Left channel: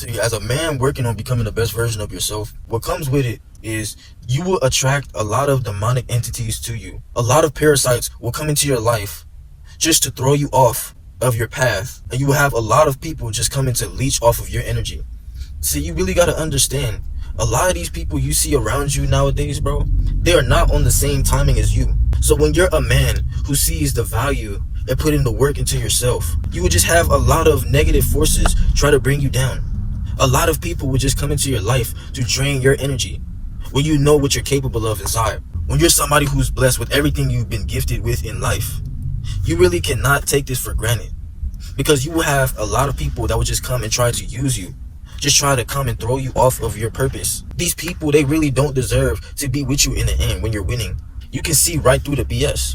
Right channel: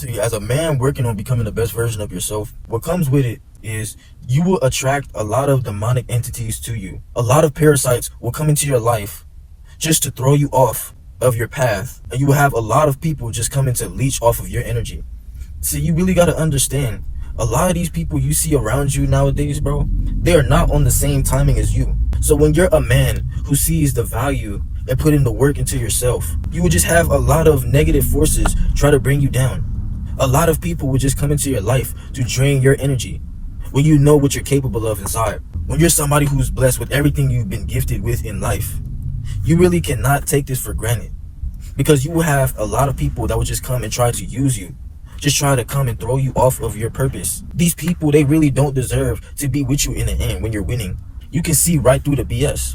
See, as a man working on becoming the best version of yourself, what comes with it is you will attract a lot of demonic entities to you. A lot of parasites will come into your life just to throw you off of your path. And you will have a lot of people just coming to leech off of your energy. See, you really got to understand, a lot of these people you see around you nowadays, bro, they are not on the same timing as you. So when you're a man who sees the value and putting the work into yourself, you would just have a lot of negative forces try to bring you down. A lot of people would just come into your life to drain your energy when you know what you're capable of inside. When you're somebody who's blessed with everything you've been gifted with in life, you really cannot take this for granted, because you will have a lot of people that will just come and try to use you, just try to come and throw you off of your purpose. These people, they really don't deserve to be with you in the end when you're winning. You can see right through the BS.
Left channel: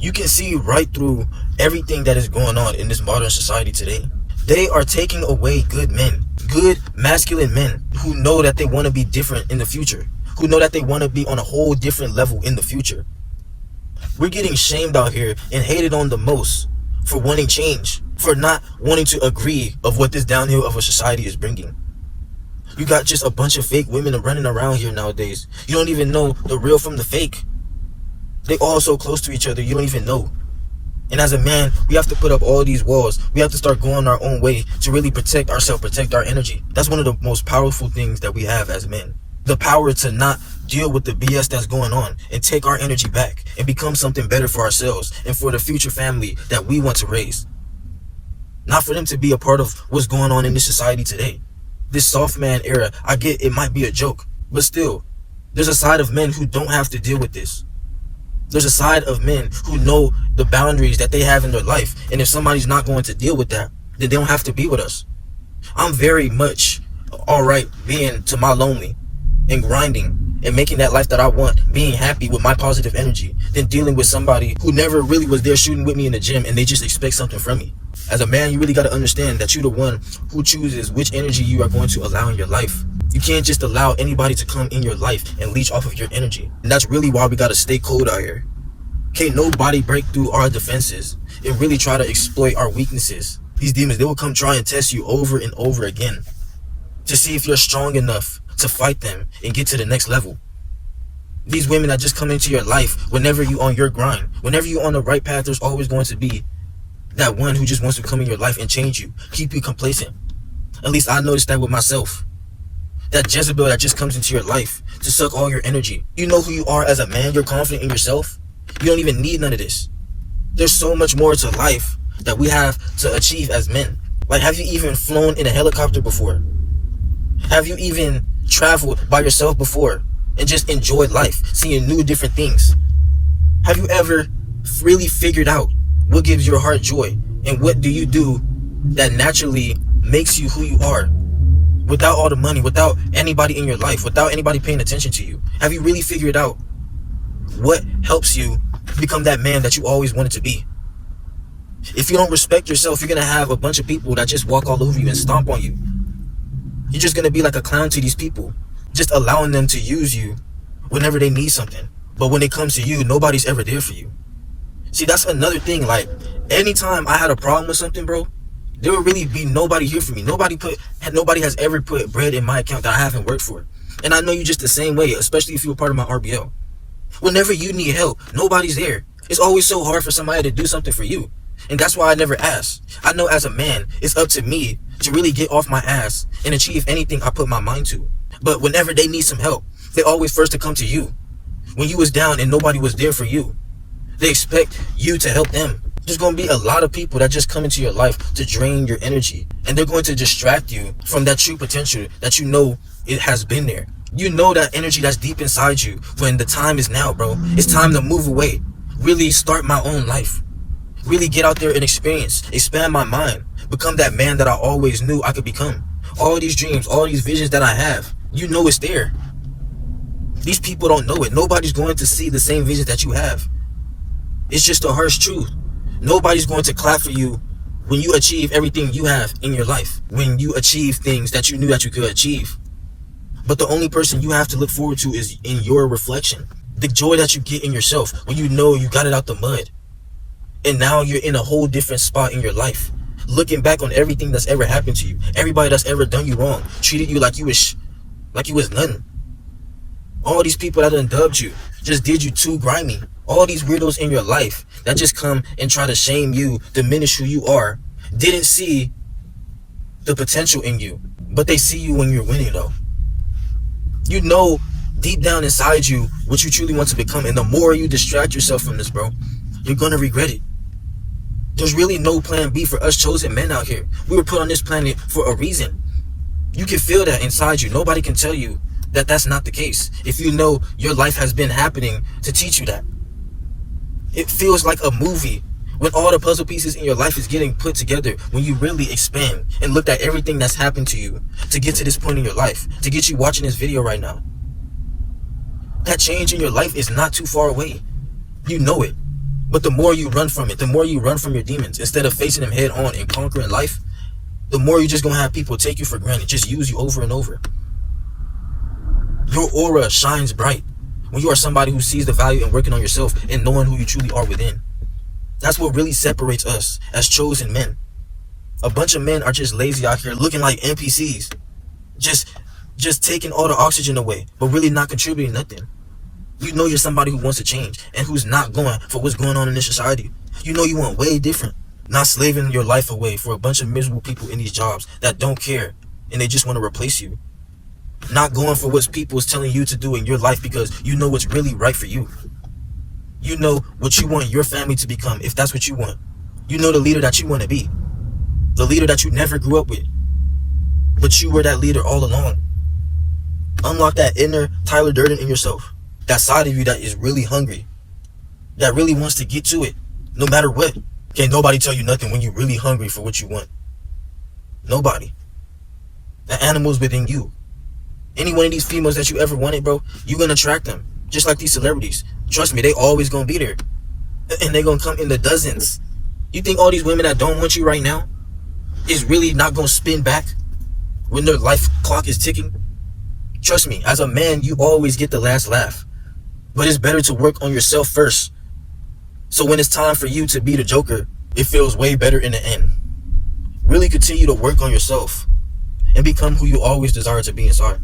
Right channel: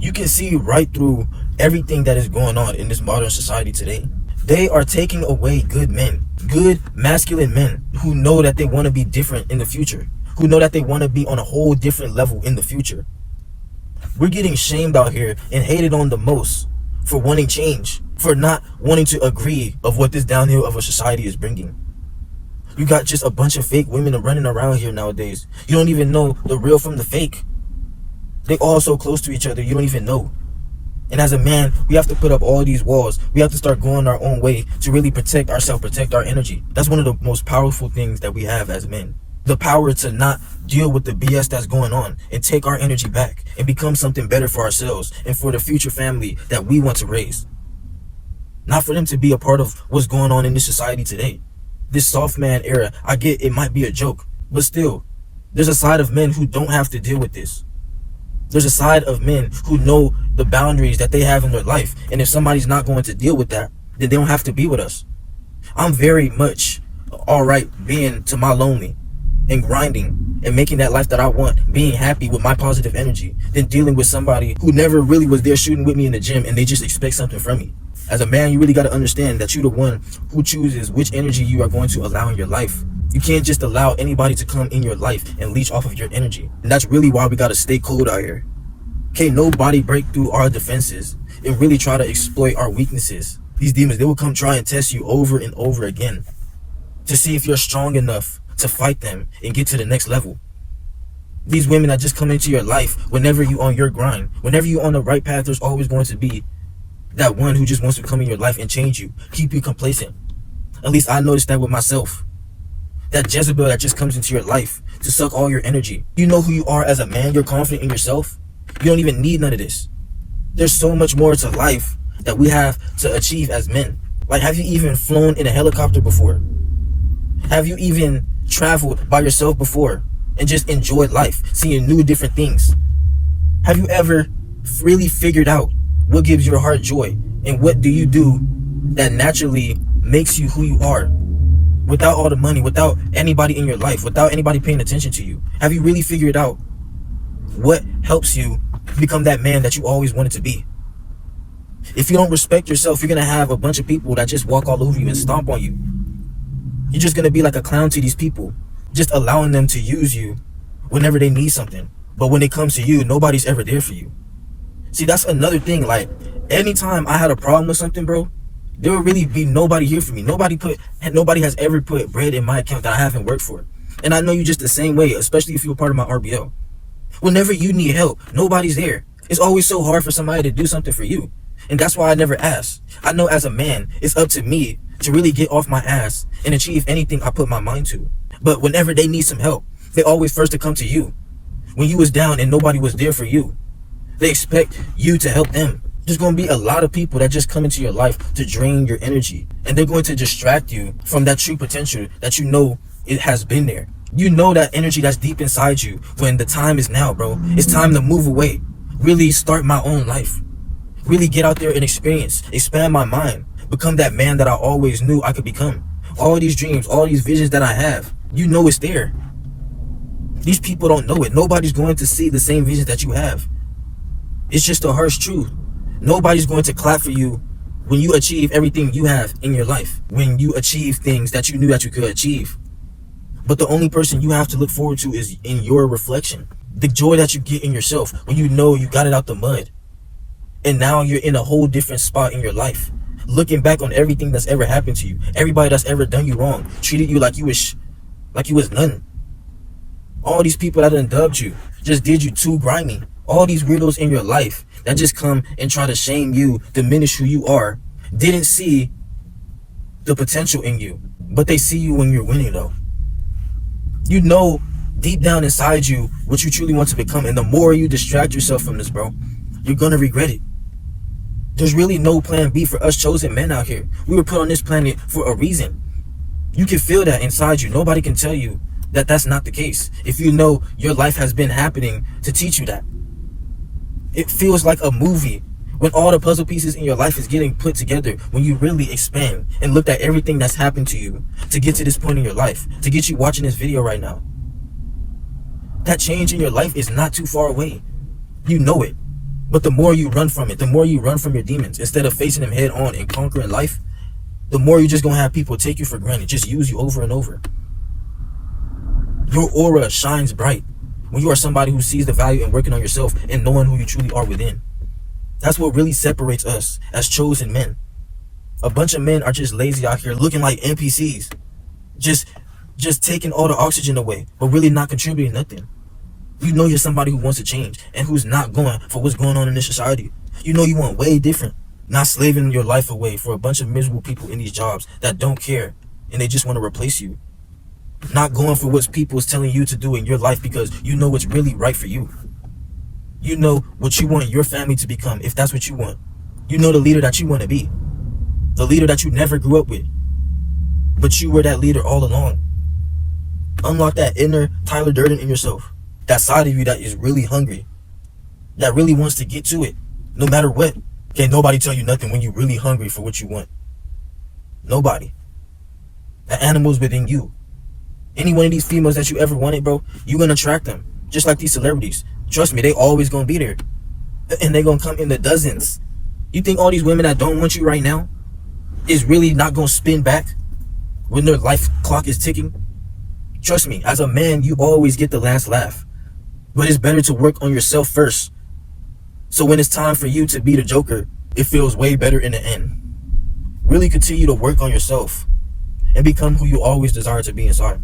You can see right through everything that is going on in this modern society today. They are taking away good men, good masculine men who know that they want to be different in the future, who know that they want to be on a whole different level in the future. We're getting shamed out here and hated on the most for wanting change, for not wanting to agree of what this downhill of a society is bringing. You got just a bunch of fake women running around here nowadays. You don't even know the real from the fake. They're all so close to each other, you don't even know. And as a man, we have to put up all these walls. We have to start going our own way to really protect ourselves, protect our energy. That's one of the most powerful things that we have as men. The power to not deal with the BS that's going on and take our energy back and become something better for ourselves and for the future family that we want to raise. Not for them to be a part of what's going on in this society today. This soft man era, I get it might be a joke, but still, there's a side of men who don't have to deal with this. There's a side of men who know the boundaries that they have in their life. And if somebody's not going to deal with that, then they don't have to be with us. I'm very much all right being to my lonely and grinding and making that life that I want, being happy with my positive energy, than dealing with somebody who never really was there shooting with me in the gym and they just expect something from me. As a man, you really got to understand that you're the one who chooses which energy you are going to allow in your life. You can't just allow anybody to come in your life and leech off of your energy. And that's really why we got to stay cold out here. Can't nobody break through our defenses and really try to exploit our weaknesses. These demons, they will come try and test you over and over again to see if you're strong enough to fight them and get to the next level. These women that just come into your life whenever you're on your grind, whenever you're on the right path, there's always going to be that one who just wants to come in your life and change you, keep you complacent. At least I noticed that with myself. That Jezebel that just comes into your life to suck all your energy. You know who you are as a man. You're confident in yourself. You don't even need none of this. There's so much more to life that we have to achieve as men. Like, have you even flown in a helicopter before? Have you even traveled by yourself before and just enjoyed life, seeing new different things? Have you ever really figured out what gives your heart joy, and what do you do that naturally makes you who you are, without all the money, without anybody in your life, without anybody paying attention to you? Have you really figured out what helps you become that man that you always wanted to be? If you don't respect yourself, you're gonna have a bunch of people that just walk all over you and stomp on you. You're just gonna be like a clown to these people, just allowing them to use you whenever they need something. But when it comes to you, nobody's ever there for you. See, that's another thing. Like, anytime I had a problem with something, bro, there would really be nobody here for me. Nobody has ever put bread in my account that I haven't worked for. And I know you just the same way, especially if you're a part of my RBL. Whenever you need help, nobody's there. It's always so hard for somebody to do something for you. And that's why I never ask. I know as a man, it's up to me to really get off my ass and achieve anything I put my mind to. But whenever they need some help, they always first to come to you. When you was down and nobody was there for you, they expect you to help them. There's going to be a lot of people that just come into your life to drain your energy. And they're going to distract you from that true potential that you know it has been there. You know that energy that's deep inside you when the time is now, bro. It's time to move away. Really start my own life. Really get out there and expand my mind. Become that man that I always knew I could become. All these dreams, all these visions that I have, you know it's there. These people don't know it. Nobody's going to see the same visions that you have. It's just a harsh truth. Nobody's going to clap for you when you achieve everything you have in your life. When you achieve things that you knew that you could achieve. But the only person you have to look forward to is in your reflection. The joy that you get in yourself when you know you got it out the mud. And now you're in a whole different spot in your life. looking back on everything that's ever happened to you, everybody that's ever done you wrong, treated you like you was nothing. All these people that done dubbed you, just did you too grimy. All these weirdos in your life that just come and try to shame you, diminish who you are, didn't see the potential in you, but they see you when you're winning though. You know deep down inside you what you truly want to become, and the more you distract yourself from this, bro, you're gonna regret it. There's really no plan B for us chosen men out here. We were put on this planet for a reason. You can feel that inside you. Nobody can tell you that that's not the case. If you know your life has been happening to teach you that. It feels like a movie when all the puzzle pieces in your life is getting put together, when you really expand and look at everything that's happened to you to get to this point in your life, to get you watching this video right now. That change in your life is not too far away. You know it. But the more you run from it, the more you run from your demons, instead of facing them head on and conquering life, the more you're just going to have people take you for granted, just use you over and over. Your aura shines bright when you are somebody who sees the value in working on yourself and knowing who you truly are within. That's what really separates us as chosen men. A bunch of men are just lazy out here looking like NPCs. Just taking all the oxygen away, but really not contributing nothing. You know you're somebody who wants to change and who's not going for what's going on in this society. You know you want way different. Not slaving your life away for a bunch of miserable people in these jobs that don't care and they just want to replace you. Not going for what people's telling you to do in your life because you know what's really right for you. You know what you want your family to become if that's what you want. You know the leader that you want to be. The leader that you never grew up with. But you were that leader all along. Unlock that inner Tyler Durden in yourself. That side of you that is really hungry. That really wants to get to it. No matter what. Can't nobody tell you nothing when you're really hungry for what you want. Nobody. The animal's within you. Any one of these females that you ever wanted, bro, you're going to attract them. Just like these celebrities. Trust me, they always going to be there. And they're going to come in the dozens. You think all these women that don't want you right now is really not going to spin back when their life clock is ticking? Trust me, as a man, you always get the last laugh. But it's better to work on yourself first. So when it's time for you to be the Joker, it feels way better in the end. Really continue to work on yourself and become who you always desire to be inside.